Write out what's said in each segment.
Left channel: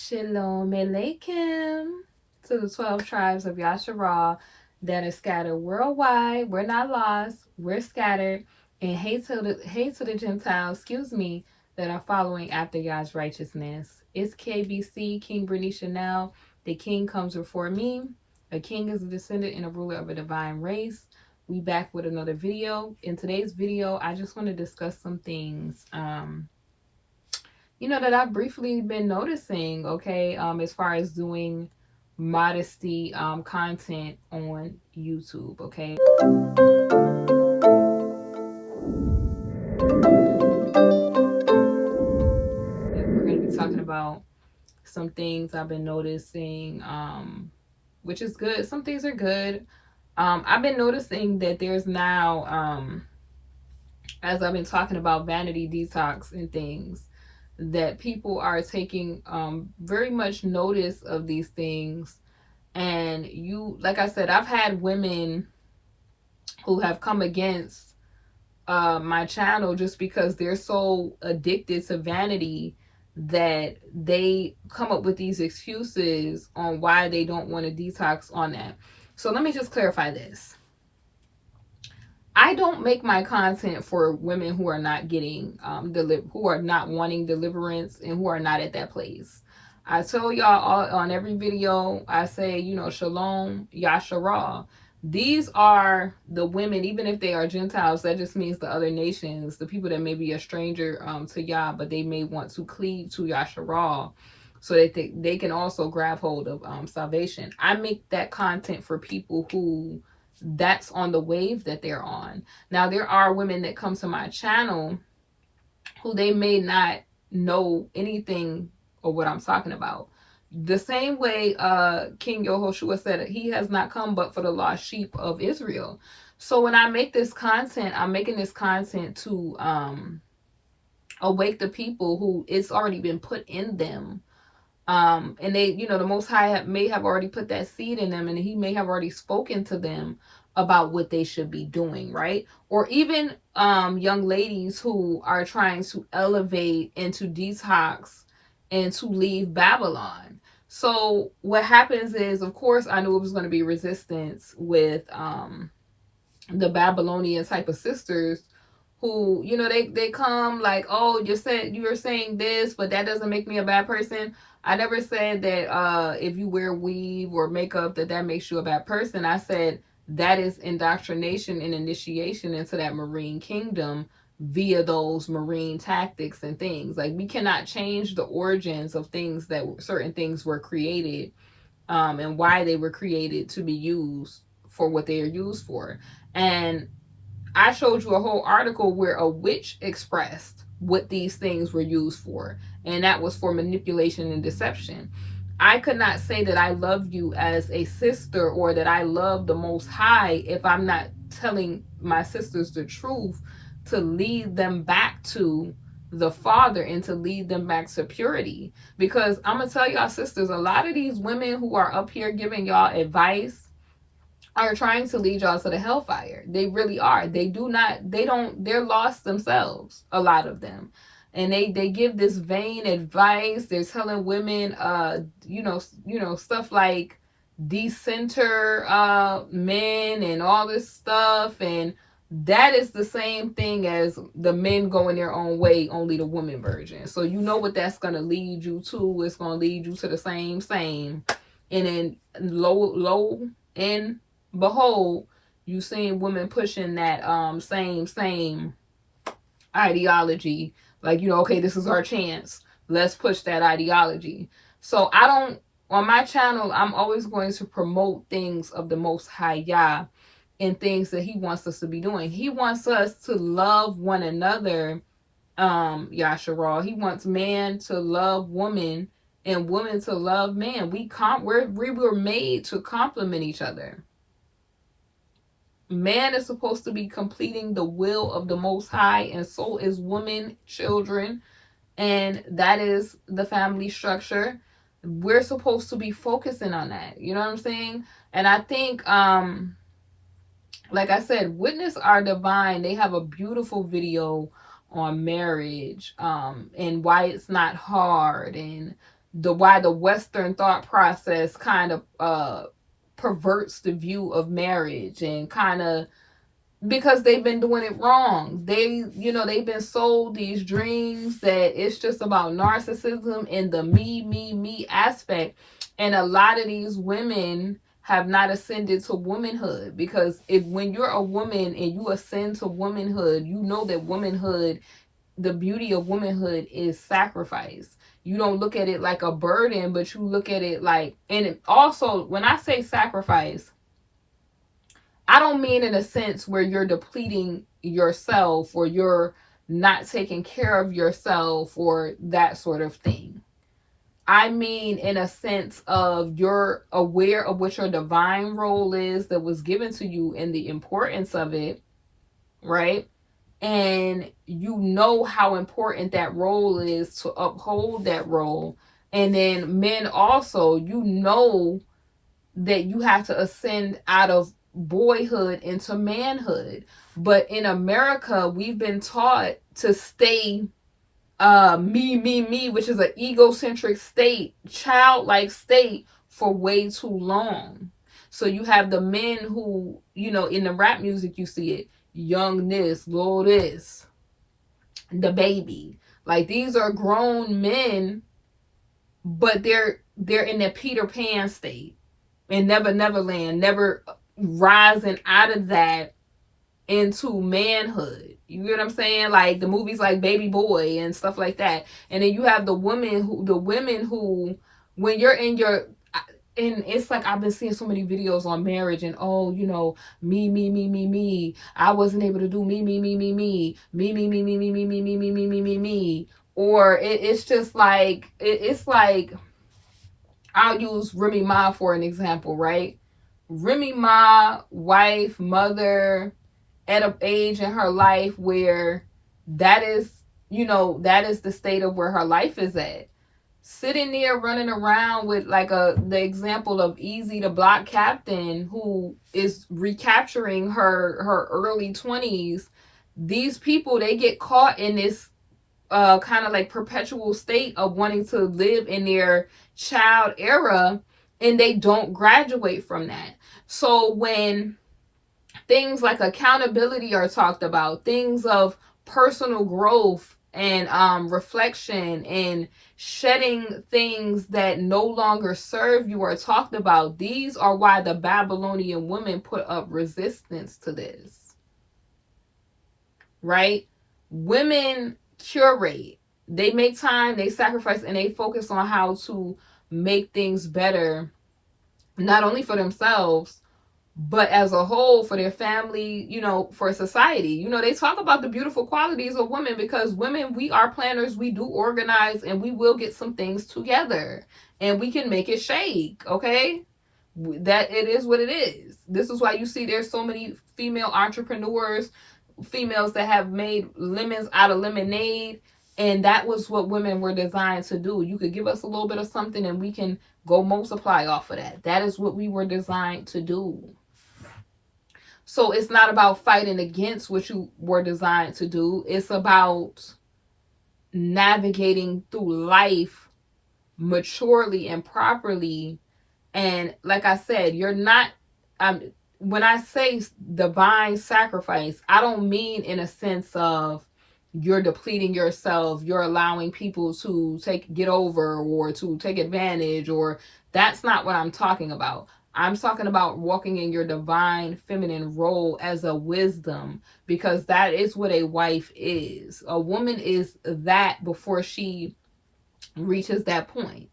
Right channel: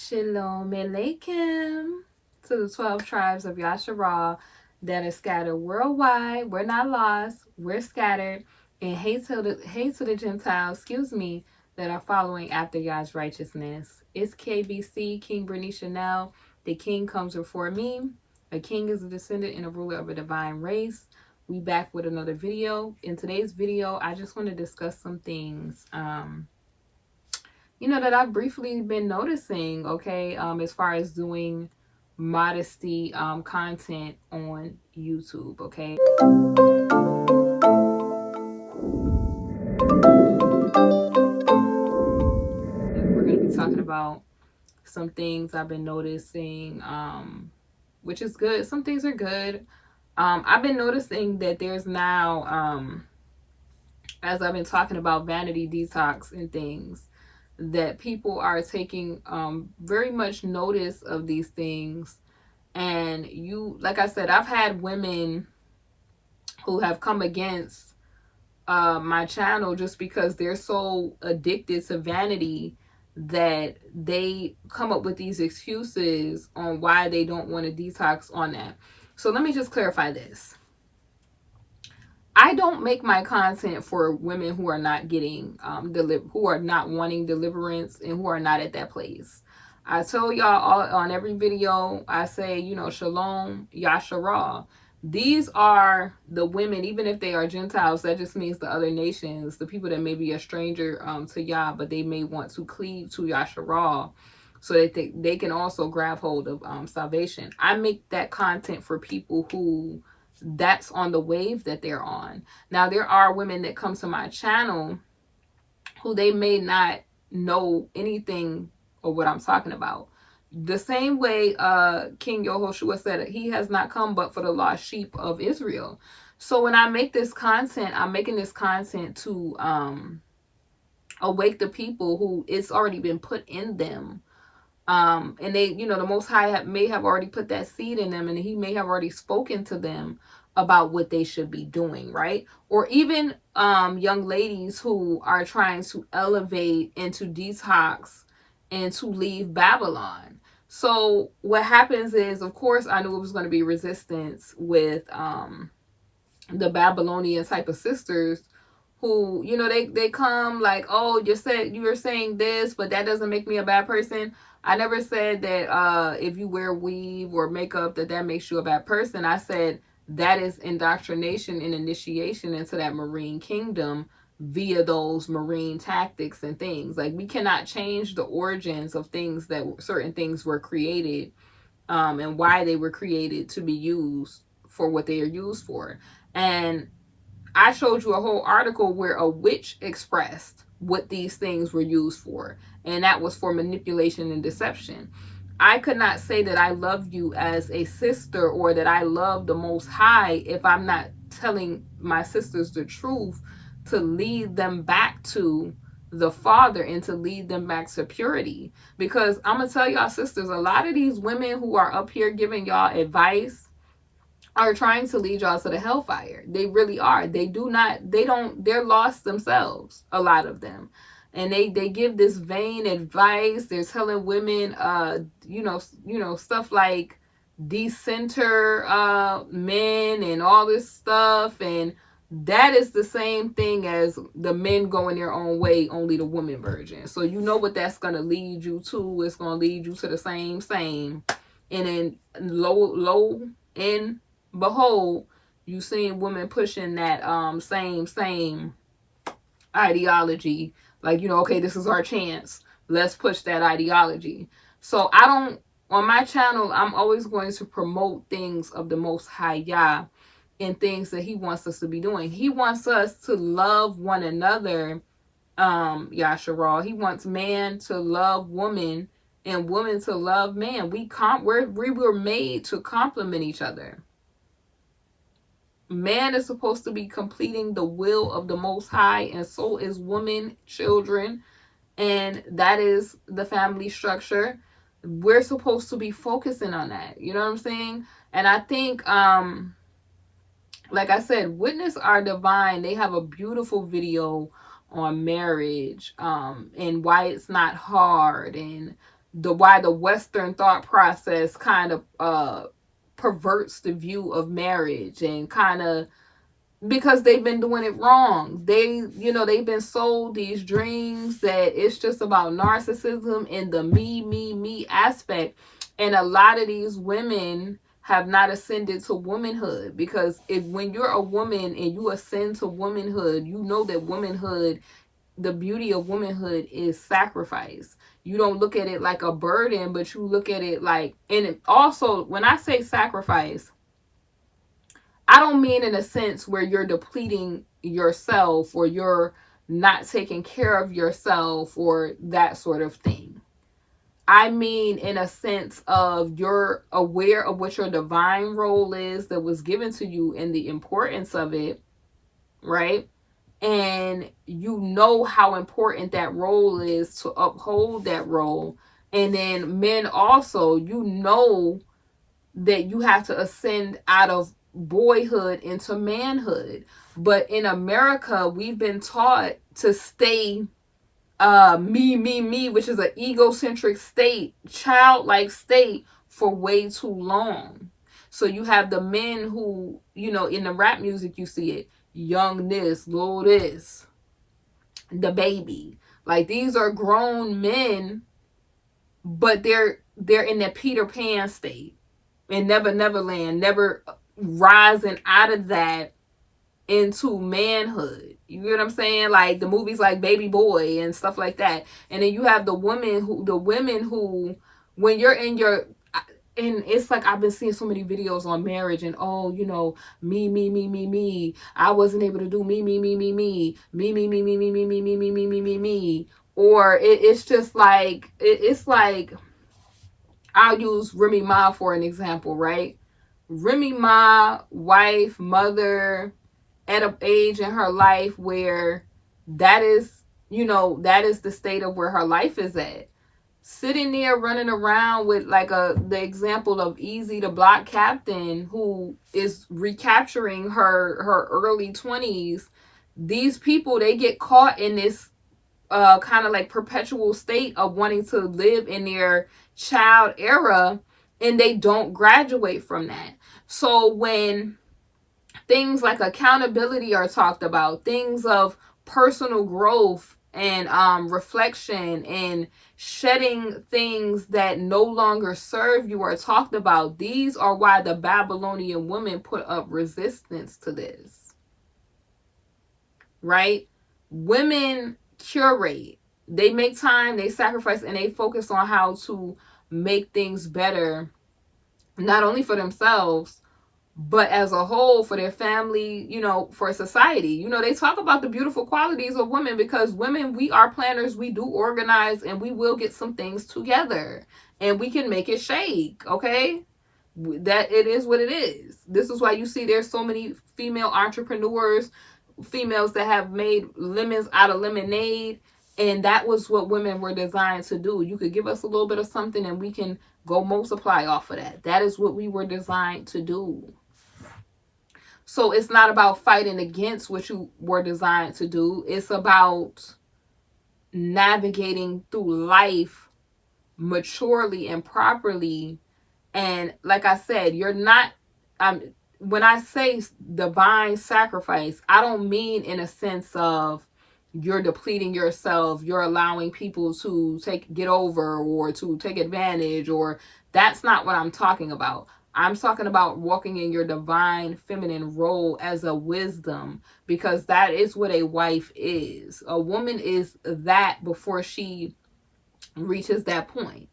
Shalom Aleichem to the 12 tribes of Yasharah that are scattered worldwide. We're not lost, we're scattered. And hate to the Gentiles, that are following after Yah's righteousness. It's KBC, King Brittany Chanel. The king comes before me. A king is a descendant and a ruler of a divine race. We back with another video. In today's video, I just want to discuss some things that I've briefly been noticing, okay, as far as doing modesty content on YouTube, okay. We're going to be talking about some things I've been noticing, which is good. Some things are good. I've been noticing that there's now, as I've been talking about vanity detox and things, that people are taking very much notice of these things. And like I said, I've had women who have come against my channel just because they're so addicted to vanity that they come up with these excuses on why they don't want to detox on that. So let me just clarify this. I don't make my content for women who are not getting who are not wanting deliverance and who are not at that place. I tell y'all on every video, I say, Shalom, Yasharah. These are the women, even if they are Gentiles, that just means the other nations, the people that may be a stranger to Yah, but they may want to cleave to Yasharah so that they can also grab hold of salvation. I make that content for people who that's on the wave that they're on. Now, there are women that come to my channel who they may not know anything of what I'm talking about. The same way King Yehoshua said, he has not come but for the lost sheep of Israel. So when I make this content, I'm making this content to awake the people who it's already been put in them. And they, the Most High may have already put that seed in them, and he may have already spoken to them about what they should be doing, right? Or even young ladies who are trying to elevate and to detox and to leave Babylon. So what happens is, of course, I knew it was going to be resistance with the Babylonian type of sisters who, they come like, oh, you're saying this, but that doesn't make me a bad person. I never said that if you wear weave or makeup that makes you a bad person. I said that is indoctrination and initiation into that marine kingdom via those marine tactics and things. Like, we cannot change the origins of things that certain things were created and why they were created to be used for what they are used for. And I showed you a whole article where a witch expressed what these things were used for, and that was for manipulation and deception. I could not say that I love you as a sister or that I love the Most High if I'm not telling my sisters the truth to lead them back to the Father and to lead them back to purity. Because I'm going to tell y'all, sisters, a lot of these women who are up here giving y'all advice are trying to lead y'all to the hellfire. They really are. They're lost themselves, a lot of them. And they give this vain advice. They're telling women, stuff like decenter men and all this stuff. And that is the same thing as the men going their own way, only the woman virgin. So you know what that's going to lead you to. It's going to lead you to the same. And then low in behold, you seen women pushing that same ideology, like, okay, this is our chance, let's push that ideology. So on my channel, I'm always going to promote things of the Most High Yah and things that he wants us to be doing. He wants us to love one another, Yasharah. He wants man to love woman and woman to love man. We were made to complement each other. Man is supposed to be completing the will of the Most High, and so is woman, children, and that is the family structure. We're supposed to be focusing on that. You know what I'm saying? And I think, like I said, Witness Our Divine, they have a beautiful video on marriage and why it's not hard, and why the Western thought process kind of perverts the view of marriage, and kind of, because they've been doing it wrong. They've been sold these dreams that it's just about narcissism and the me aspect. And a lot of these women have not ascended to womanhood, because when you're a woman and you ascend to womanhood, you know that womanhood, the beauty of womanhood is sacrifice. You don't look at it like a burden, but you look at it like, and also when I say sacrifice, I don't mean in a sense where you're depleting yourself or you're not taking care of yourself or that sort of thing. I mean in a sense of you're aware of what your divine role is that was given to you and the importance of it, right? And you know how important that role is to uphold that role. And then men also, you know that you have to ascend out of boyhood into manhood. But in America, we've been taught to stay me, which is an egocentric state, childlike state, for way too long. So you have the men who, in the rap music, you see it, young this, little this, the baby. Like, these are grown men, but they're in the Peter Pan state, in Neverland, never rising out of that into manhood. You get what I'm saying? Like the movies like Baby Boy and stuff like that. And then you have the women who, when you're in your, and it's like, I've been seeing so many videos on marriage and, me. I wasn't able to do me. Or it's just like, it's like, I'll use Remy Ma for an example, right? Remy Ma, wife, mother, at an age in her life where that is the state of where her life is at. Sitting there running around with like the example of Easy the Block Captain, who is recapturing her early 20s. These people, they get caught in this kind of like perpetual state of wanting to live in their child era, and they don't graduate from that. So when things like accountability are talked about, things of personal growth and reflection and shedding things that no longer serve you are talked about, these are why the Babylonian women put up resistance to this, right? Women curate, they make time, they sacrifice, and they focus on how to make things better, not only for themselves, but as a whole, for their family, for society. They talk about the beautiful qualities of women, because women, we are planners, we do organize, and we will get some things together, and we can make it shake, okay? That it is what it is. This is why you see there's so many female entrepreneurs, females that have made lemons out of lemonade, and that was what women were designed to do. You could give us a little bit of something and we can go multiply off of that. That is what we were designed to do. So it's not about fighting against what you were designed to do. It's about navigating through life maturely and properly. And like I said, you're not, when I say divine sacrifice, I don't mean in a sense of you're depleting yourself, you're allowing people to get over or to take advantage, or that's not what I'm talking about. I'm talking about walking in your divine feminine role as a wisdom, because that is what a wife is. A woman is that before she reaches that point.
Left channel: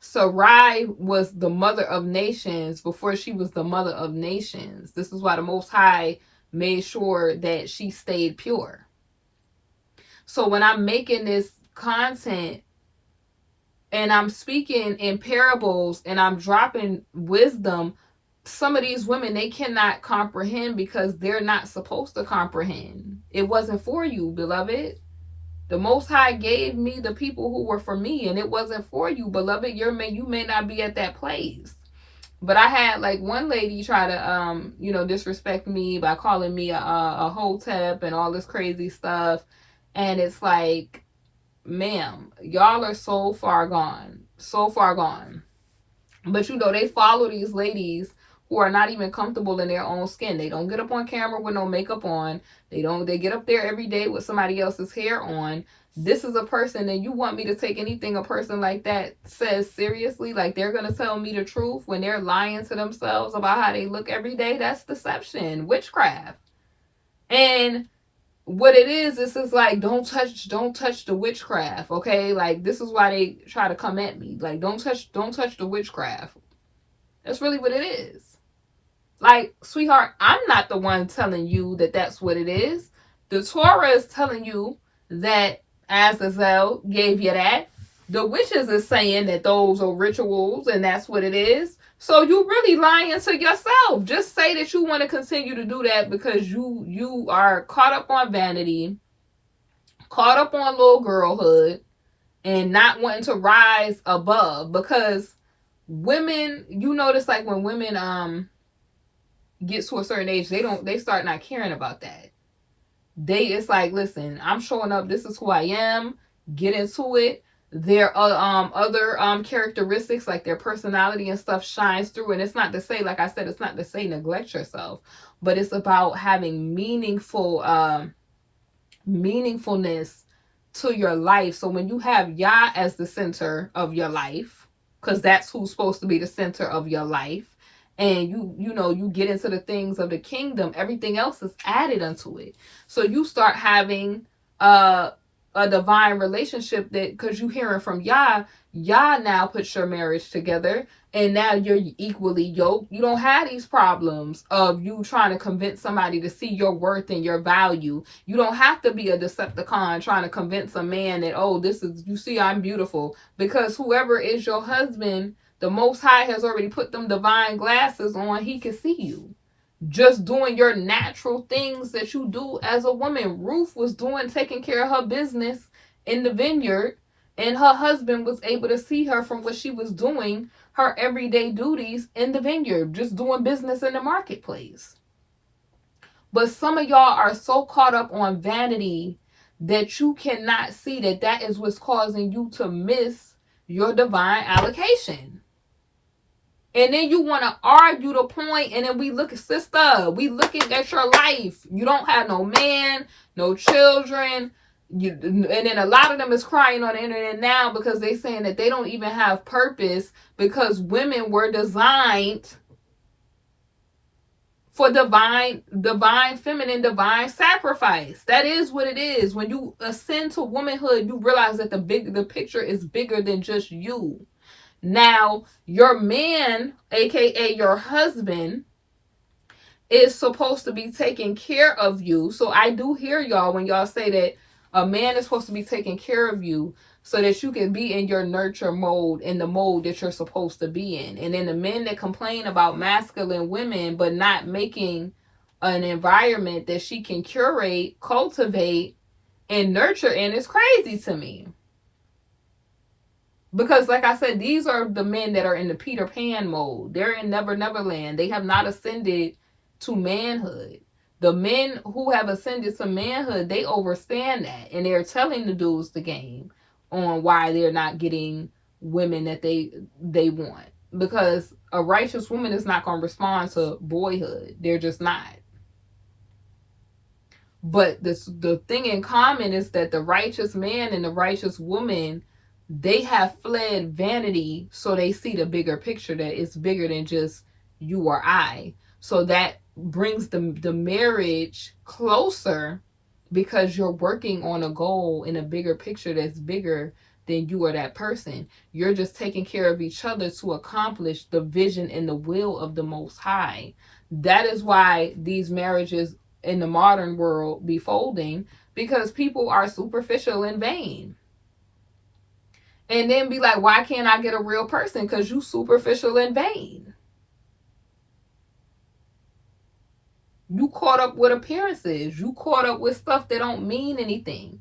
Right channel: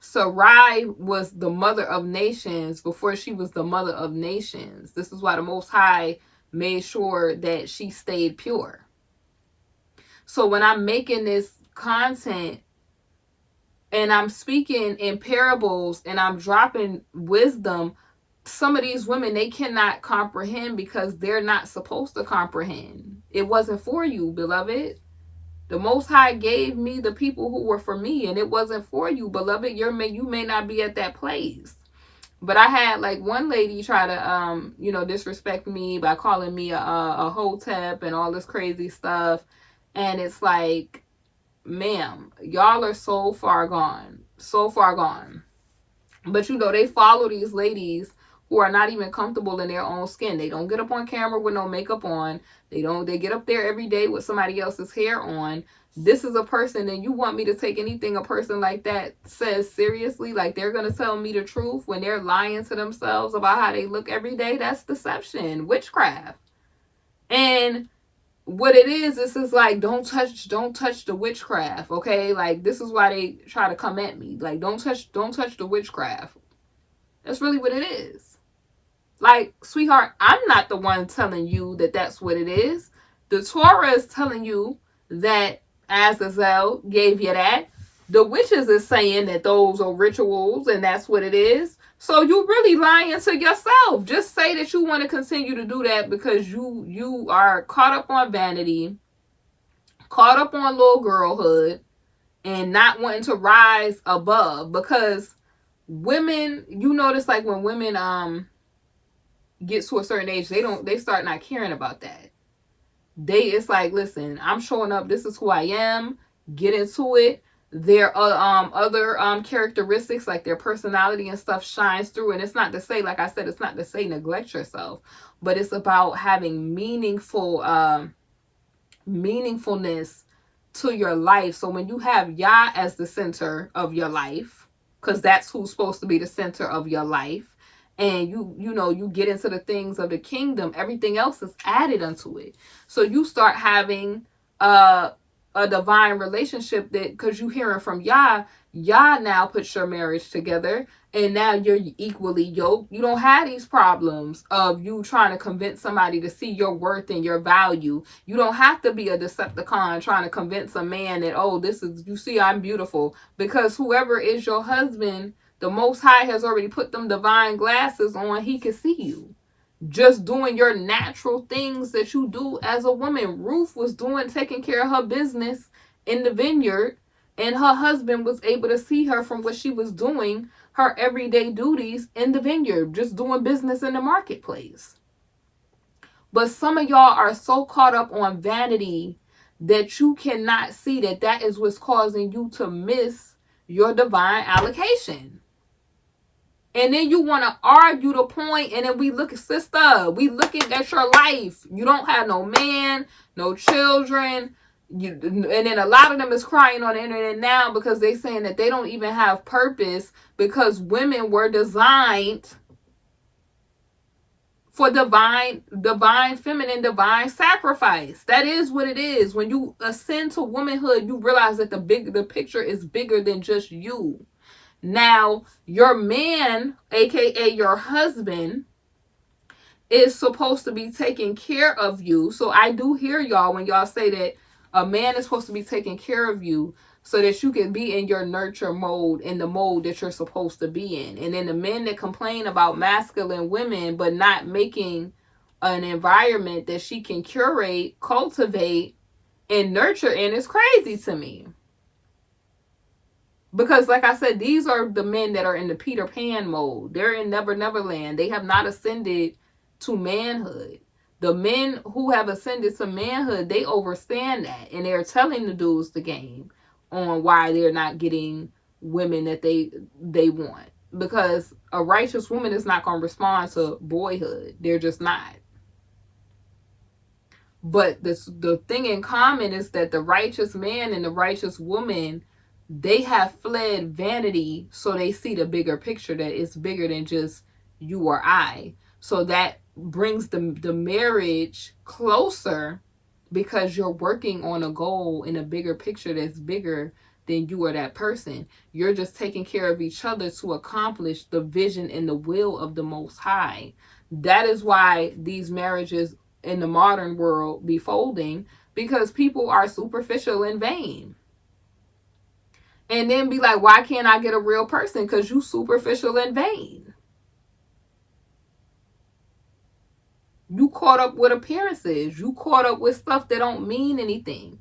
Sarai was the mother of nations before she was the mother of nations. This is why the Most High made sure that she stayed pure. So when I'm making this content and I'm speaking in parables and I'm dropping wisdom, some of these women, they cannot comprehend because they're not supposed to comprehend. It wasn't for you, beloved. The Most High gave me the people who were for me, and it wasn't for you, beloved. You may not be at that place. But I had like one lady try to disrespect me by calling me a hotep and all this crazy stuff. And it's like, ma'am, y'all are so far gone. So far gone. But you know, they follow these ladies who are not even comfortable in their own skin. They don't get up on camera with no makeup on. They get up there every day with somebody else's hair on. This is a person, and you want me to take anything a person like that says seriously? Like they're going to tell me the truth when they're lying to themselves about how they look every day? That's deception, witchcraft. And what it is, this is like, don't touch the witchcraft, okay? Like, this is why they try to come at me. Like, don't touch the witchcraft. That's really what it is. Like, sweetheart, I'm not the one telling you that that's what it is. The Torah is telling you that Azazel gave you that. The witches is saying that those are rituals and that's what it is. So you really lying to yourself. Just say that you want to continue to do that because you are caught up on vanity, caught up on little girlhood, and not wanting to rise above. Because women, you notice, like when women get to a certain age, they start not caring about that. It's like, listen, I'm showing up, this is who I am, get into it. Their other characteristics, like their personality and stuff, shines through. And it's not to say, like I said, it's not to say neglect yourself, but it's about having meaningfulness to your life. So when you have Yah as the center of your life, because that's who's supposed to be the center of your life, and you get into the things of the kingdom, everything else is added unto it. So you start having a divine relationship, that because you hearing from Yah now puts your marriage together, and now you're equally yoked. You don't have these problems of you trying to convince somebody to see your worth and your value. You don't have to be a Decepticon trying to convince a man that, oh, you see, I'm beautiful. Because whoever is your husband, the Most High has already put them divine glasses on. He can see you. Just doing your natural things that you do as a woman. Ruth was taking care of her business in the vineyard, and her husband was able to see her from what she was doing, her everyday duties in the vineyard, just doing business in the marketplace. But some of y'all are so caught up on vanity that you cannot see that is what's causing you to miss your divine allocation. And then you want to argue the point, and then we look at, sister, we looking at your life. You don't have no man, no children. And then a lot of them is crying on the internet now because they saying that they don't even have purpose, because women were designed for divine feminine, divine sacrifice. That is what it is. When you ascend to womanhood, you realize that the picture is bigger than just you. Now, your man, aka your husband, is supposed to be taking care of you. So I do hear y'all when y'all say that a man is supposed to be taking care of you so that you can be in your nurture mode, in the mode that you're supposed to be in. And then the men that complain about masculine women but not making an environment that she can curate, cultivate, and nurture in is crazy to me. Because like I said, these are the men that are in the Peter Pan mode. They're in Never Never Land. They have not ascended to manhood. The men who have ascended to manhood, they understand that. And they're telling the dudes the game on why they're not getting women that they want. Because a righteous woman is not going to respond to boyhood. They're just not. But the thing in common is that the righteous man and the righteous woman, they have fled vanity, so they see the bigger picture, that it's bigger than just you or I. So that brings the marriage closer, because you're working on a goal in a bigger picture that's bigger than you or that person. You're just taking care of each other to accomplish the vision and the will of the Most High. That is why these marriages in the modern world be folding, because people are superficial and vain. And then be like, why can't I get a real person? Because you superficial and vain. You caught up with appearances. You caught up with stuff that don't mean anything.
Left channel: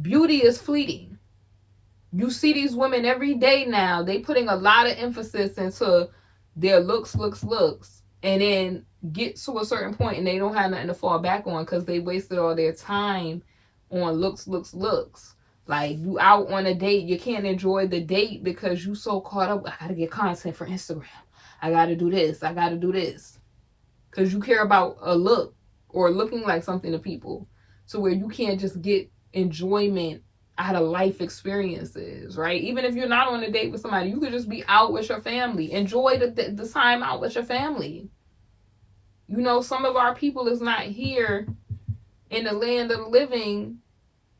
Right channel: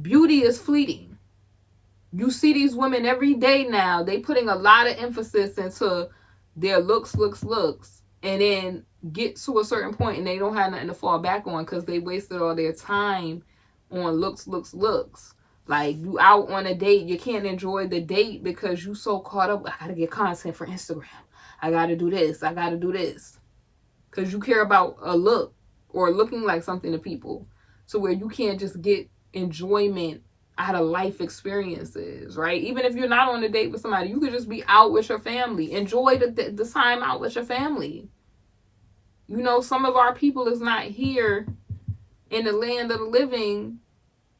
Beauty is fleeting. You see these women every day now. They putting a lot of emphasis into their looks. And then get to a certain point and they don't have nothing to fall back on because they wasted all their time on looks. Like, you out on a date, you can't enjoy the date because you so caught up. I gotta get content for Instagram. I gotta do this. I gotta do this. Because you care about a look or looking like something to people. So where you can't just get enjoyment out of life experiences, right? Even if you're not on a date with somebody, you could just be out with your family. Enjoy the time out with your family. You know, some of our people is not here in the land of the living,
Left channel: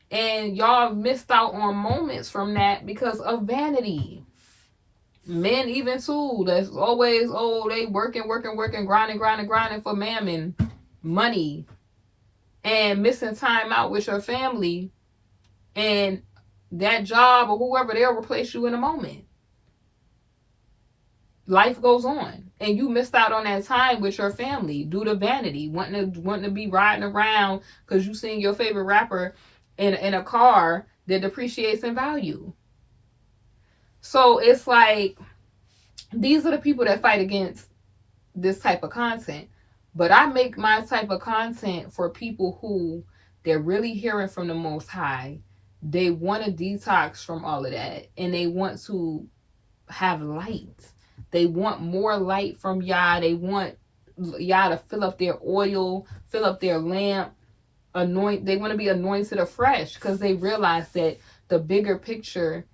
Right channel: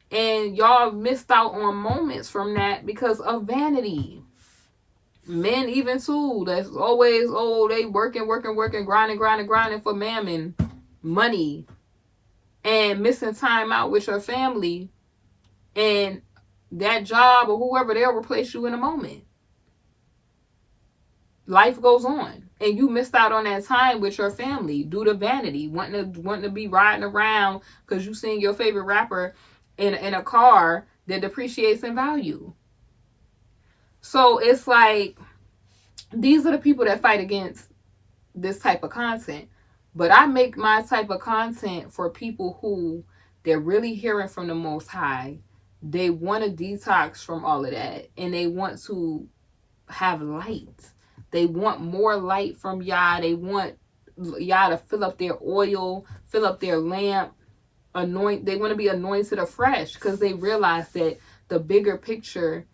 and y'all missed out on moments from that because of vanity. Men even too, that's always, oh, they working, grinding for mammon, money, and missing time out with your family, and that job or whoever, they'll replace you in a moment. Life goes on, and you missed out on that time with your family due to vanity, wanting to be riding around because you seen your favorite rapper in a car that depreciates in value. So it's like, these are the people that fight against this type of content. But I make my type of content for people who, they're really hearing from the Most High. They want to detox from all of that, and they want to have light. They want more light from Yah. They want Yah to fill up their oil, fill up their lamp, they want to be anointed afresh, because they realize that the bigger picture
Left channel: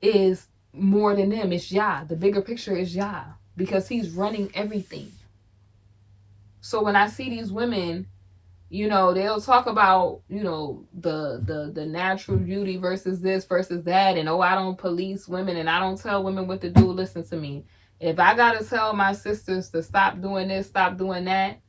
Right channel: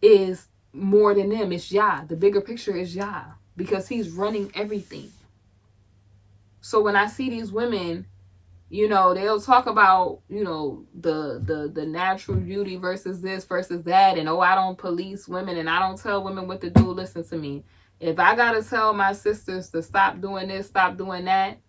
is more than them. It's Yah. The bigger picture is Yah, because he's running everything. So when I see these women, you know, they'll talk about, you know, the natural beauty versus this versus that, and oh, I don't police women and I don't tell women what to do. Listen to me. If I gotta tell my sisters to stop doing this, stop doing that,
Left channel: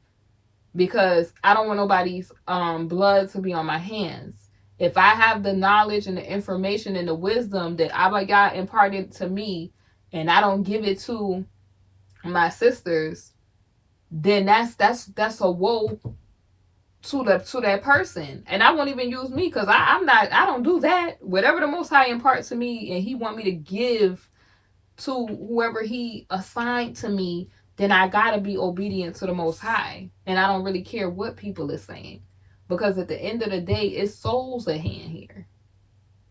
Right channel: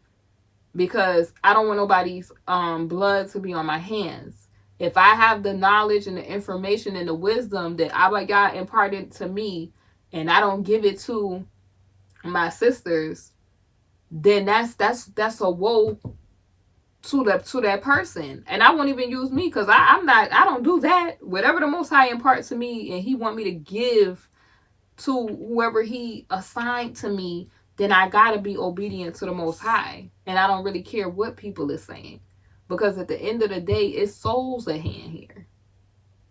because I don't want nobody's blood to be on my hands. If I have the knowledge and the information and the wisdom that Abba Yah imparted to me, and I don't give it to my sisters, then that's a woe to that person. And I won't even use me, because I don't do that. Whatever the Most High imparts to me and he want me to give to whoever he assigned to me, then I gotta be obedient to the Most High. And I don't really care what people are saying, because at the end of the day, it's souls at hand here.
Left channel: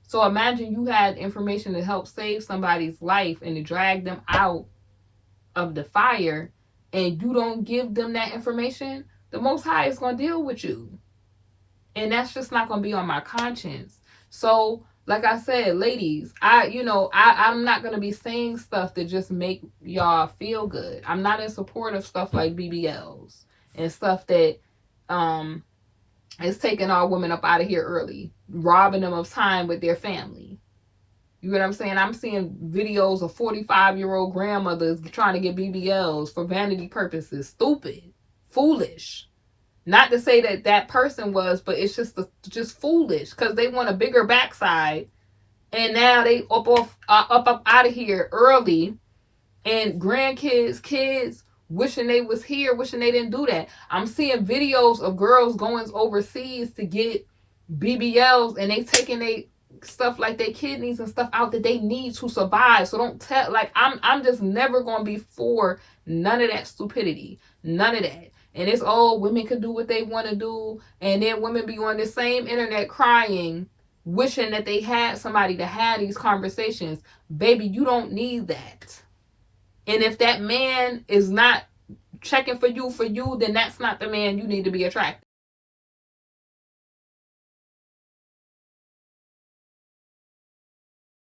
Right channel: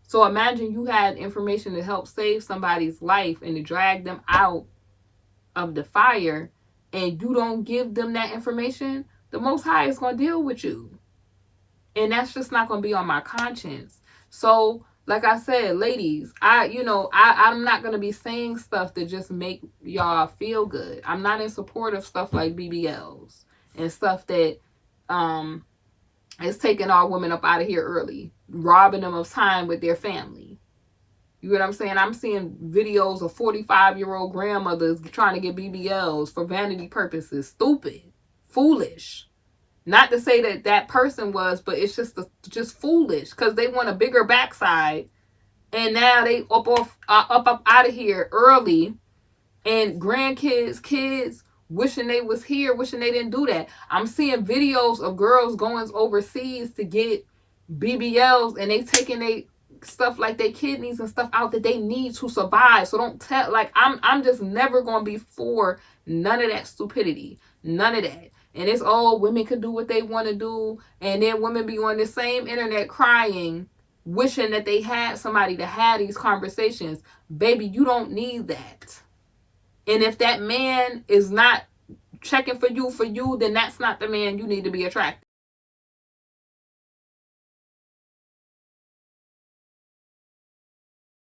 So imagine you had information to help save somebody's life and to drag them out of the fire, and you don't give them that information, the Most High is going to deal with you. And that's just not going to be on my conscience. So, like I said, ladies, I'm not going to be saying stuff that just make y'all feel good. I'm not in support of stuff like BBLs and stuff that is taking our women up out of here early, robbing them of time with their family. You know what I'm saying? I'm seeing videos of 45-year-old grandmothers trying to get BBLs for vanity purposes. Stupid. Foolish. Not to say that person was, but it's just foolish, because they want a bigger backside, and now they up out of here early, and grandkids, kids wishing they was here, wishing they didn't do that. I'm seeing videos of girls going overseas to get BBLs, and they taking they stuff like their kidneys and stuff out that they need to survive. So don't tell, like, I'm just never gonna be for none of that stupidity, none of that. And it's, oh, women can do what they want to do, and then women be on the same internet crying, wishing that they had somebody to have these conversations. Baby, you don't need that. And if that man is not checking for you, then that's not the man you need to be attracting.